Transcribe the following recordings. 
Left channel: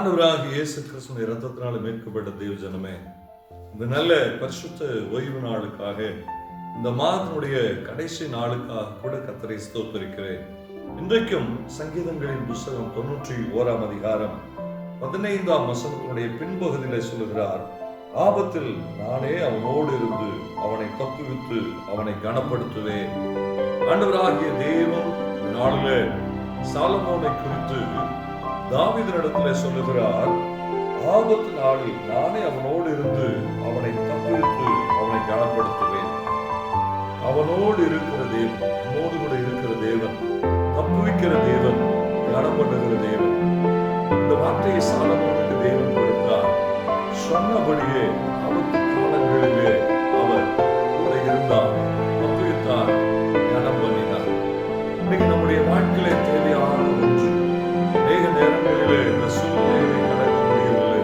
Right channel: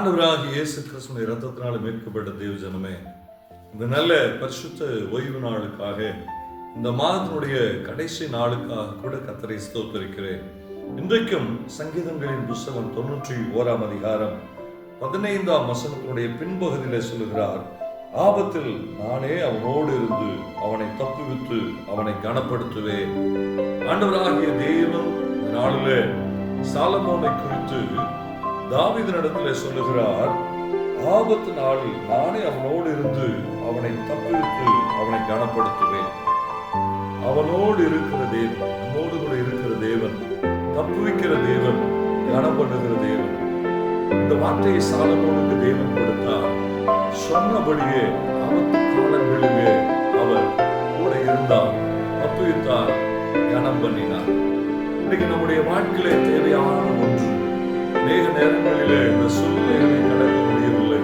ஆண்டவராகிய இயேசு கிறிஸ்துவின் இரத்தத்தினால மீட்கப்பட்ட தேவ ஜனமே, இந்த நல்ல பரிசுத்த ஓய்வு நாளுக்காக, இந்த மாதத்தினுடைய கடைசி நாளுக்காக கூட கர்த்தரை ஸ்தோத்திரிக்கிறேன். இன்றைக்கும் சங்கீதங்களின் புஸ்தகம் 91 அதிகாரம் 15 வசனத்தினுடைய பின்பகுதியிலே சொல்லுகிறார், ஆபத்தில் நானே அவனோடு இருந்து அவனை தப்புவித்து அவனை கனப்படுத்துவேன். ஆண்டவராகிய தேவன் இந்த நாளிலே சாலமோனை குறித்து தாவீதினிடத்திலே சொல்லுகிறார், ஆபத்து நாளில் நானே அவனோடு இருந்து அவனை தப்புவித்து அவனை கனப்படுத்துவேன். அவனோடு இருக்கிற தேவன், நம்மோடு கூட இருக்கிற தேவன், தப்புவிக்கிற தேவன், கனம் பண்ணுகிற தேவன். இந்த வார்த்தையை சாலமோனுக்கு தேவன் கொடுத்தார். சொன்னபடியே ஆபத்து காலங்களிலே அவர் கூட இருந்தார், தப்புவித்தார், கனம் பண்ணினார். இன்னைக்கு நம்முடைய வாழ்க்கையிலே தேவையான ஒன்று, அநேக நேரங்களிலே இந்த சூழ்நிலைகளை கடக்க முடியவில்லை,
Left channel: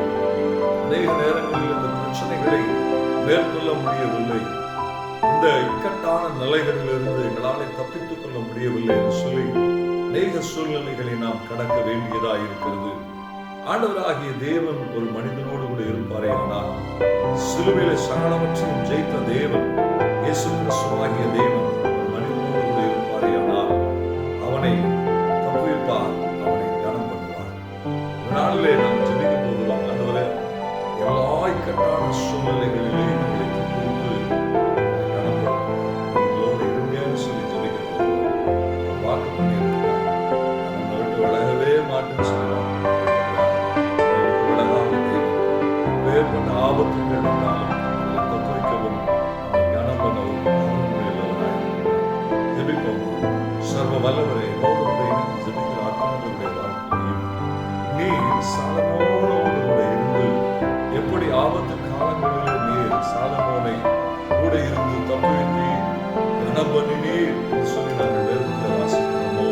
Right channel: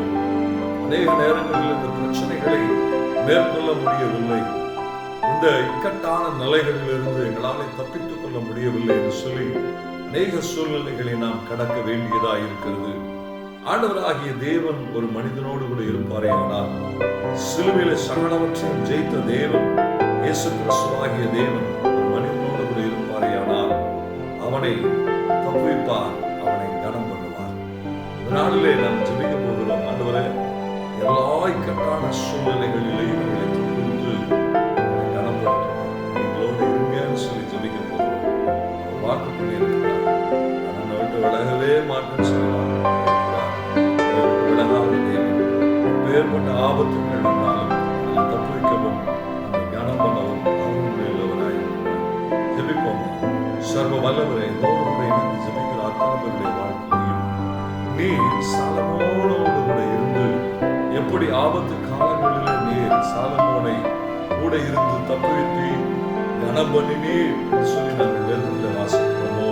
அநேக நேரங்களில் இந்த பிரச்சனைகளை மேற்கொள்ள முடியவில்லை, இந்த இக்கட்டான நிலைகளிலிருந்து எங்களால் தப்பித்துக் கொள்ள முடியவில்லை என்று சொல்லி அநேக சூழ்நிலைகளை நாம் கடக்க வேண்டியதாக இருக்கிறது. ஆண்டவராகிய தேவன் ஒரு மனிதனோடு கூட இருப்பாரே ஆனால், சிலுவையிலே சகலவற்றையும் ஜெயித்த தேவன் இயேசு கிறிஸ்துவாகிய தேவன் ஒரு மனிதனோடு கூட இருப்பாரே ஆனால், அவனை தப்புவிப்பார், அவனை கனம் பண்ணுவார். இந்த நாளிலே நாம் ஜெபிக்க போகிறோம். ஆண்டவரே, எல்லா இக்கட்டான சூழ்நிலைகளிலேயும் எங்களை தப்புவித்து அவனை கனப்படுத்துவார், எங்களோடு இருங்கன்னு சொல்லி ஜெபிக்க போகிறோம். வாக்கு பண்ணியிருக்கிறார், நம்மை விட்டு விலகவே மாட்டேன்னு சொல்லி விலகாத தேவன். வேறுபட்ட ஆபத்துக்கள் வந்தாலும் அதை தப்புவிக்கவும் நம்மை கனம் பண்ணவும் உள்ளவராயிருக்கிறார். ஜெபிப்போம். சர்வ வல்லவரே, எங்களோடு கூட இணைந்து ஜெபிக்கிற அத்தனை பேருடைய வாழ்க்கையையும் நீர் சாலமோனோடு கூட இருந்து எப்படி ஆபத்து காலங்களில் நீர் சாலமோனை கூட இருந்து தப்புவித்து கனம் பண்ணினீர் என்று சொல்லி நாங்கள் வேதத்தில் வாசிக்கிறோமோ,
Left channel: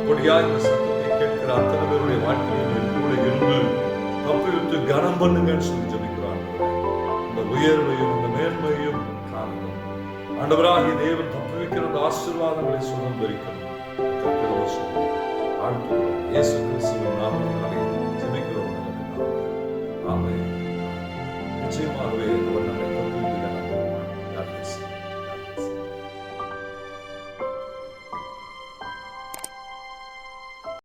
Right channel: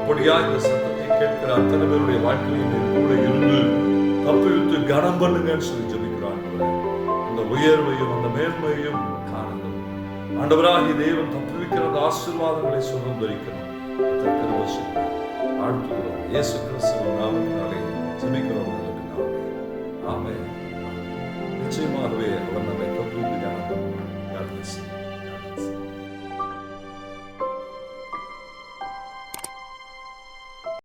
அப்படியா இந்த சத்தத்தை கேட்கிற அத்தனை பேருடைய வாழ்க்கையில் நீர் கூட இருந்து தப்புவித்து கனம் பண்ணுங்கன்னு சொல்லி ஜெபிக்கிறான். அந்த உயர்வையும் அந்த மேன்மையும் காணுங்கள். ஆண்டவராகிய தேவன் தப்புவிக்கிற அந்த ஆசீர்வாதங்களை சுதந்திரிக்கணும். ஆழ்த்துகிறோம். இயேசு கிறிஸ்துவின் நாமத்தினாலே ஜெபிக்கிறோம் நல்ல பிதாவே. ஆமென். நிச்சயமாகவே அவர் நம்மை தப்புவித்து கனம் பண்ணுவார்.